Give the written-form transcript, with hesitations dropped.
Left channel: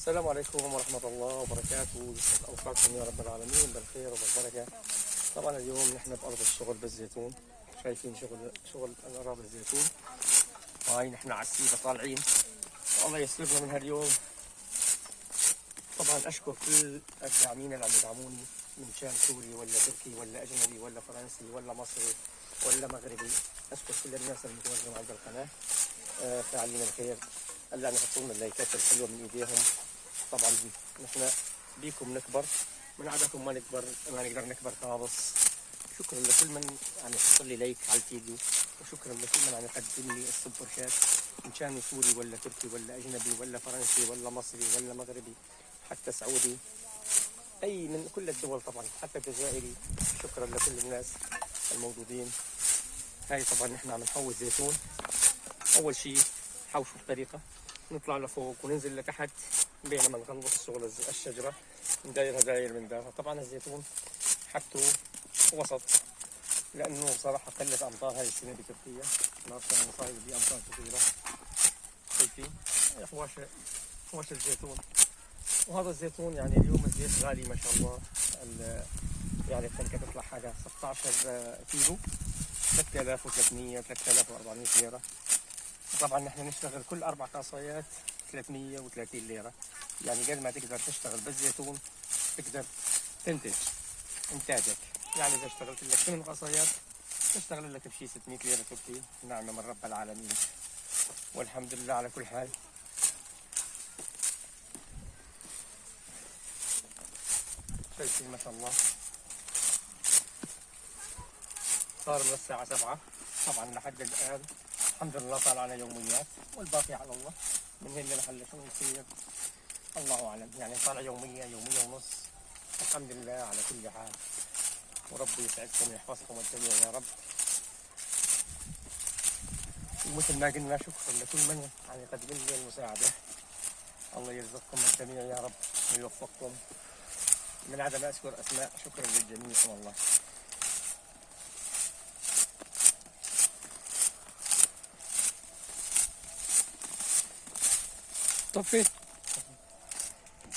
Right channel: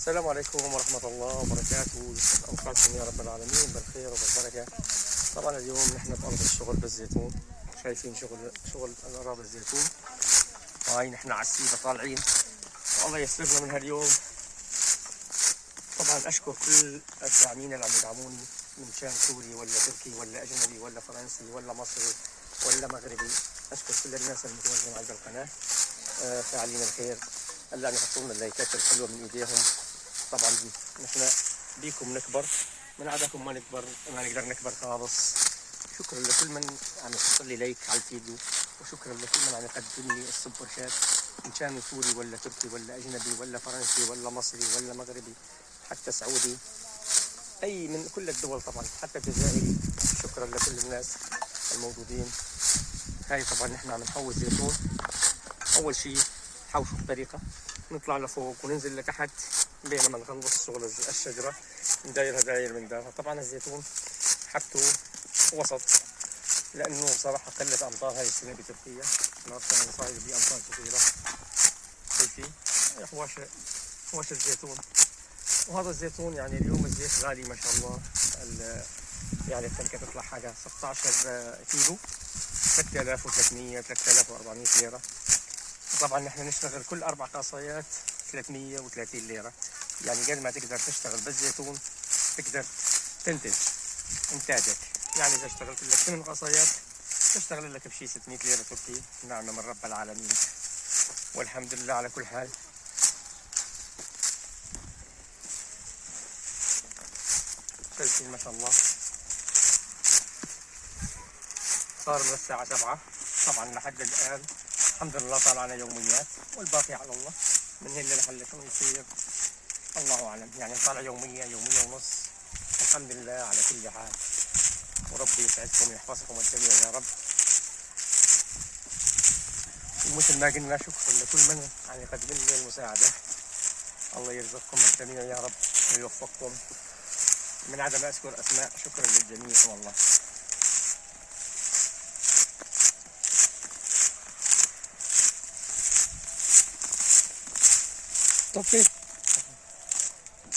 السلام عليكم ورحمة الله وبركاته. يسعد أوقاتكم يا رب العالمين بالخير وبالبركة. طبعا اليوم نحن بأرض الشغل بالزيتون، شايفين شغل الأراضي الزيتون. هاي نحن على السيبة طالعين والله يسرنا من هاليوم. طبعا أشكر كل الداعمين اللي عم يدعموني من كان سوري ولا تركي ولا أجنبي ولا فرنسي ولا مصري ولا مغربي. أشكر كل الناس المتواجدين على القناة، فاعلين الخير اللي عم يحطوا لنا اللايكات الحلوة من إيديهم. طبعا نحن بيكم نكبر، من عدكم ما نقدر نكبر خالص. شكرا لكل من عم يحط لي لايك على الفيديو، وشكرا لكل من عم يقدم لي السوبر شات، ان كان سوري ولا تركي ولا اجنبي ولا فرنسي ولا مصري ولا مغربي حتى سعودي، اي من كل الدول طبعا حتى الجزائري. شكرا لكل الناس الموجودين. هاي طبعا نحن عم نحوز زيتون. اول شيء حوشوا بطريقه نطلع لفوق وننزل لتحت بينما نخلص شغل الشجرة، ندايرها داير من داخل. طبعا الزيتون حبته وسط لأنه صراحة قلة أمطار هاي السنة بتركيا، النهار كان صاير بأمطار كثيرة. شايفين حواش الزيتون. وهذا الزيتون يعني اليوم الزيت غالي ما شاء الله. يعني التنكة تطلع حاجة 16 كيلو 3300 3400 ليرة. طبعا نحن نشتغل كل 4 قاصيات 330 ليرة. يعني قد ما تقدر تشتغل بالزيتون تقدر تنتج انتاجك. يعني اذا اشتغلت لك 8 قصايات تشتغل لك بشي 600 ليرة تركي، نعمة من رب العالمين والحمد لله على كل حال. شايفين ما شاء الله صار من الساعة 7 طبعا لحد الآن الحمد لله طالعنا يوميات والباقي على الله. من هنا لحل شو يصير الله أعلم. يعني طالع يومية ونص. الحمد لله على كل حال، وربي يسعدكم ويحفظكم الجميع يا رب. ومثل ما قلنا شكرا لكل من يعني يقدم لي المساعدة. الله يرزقكم الجميع يا رب ويوفقكم. من عدم أذكر أسماء شكرا للجميع والله. طفي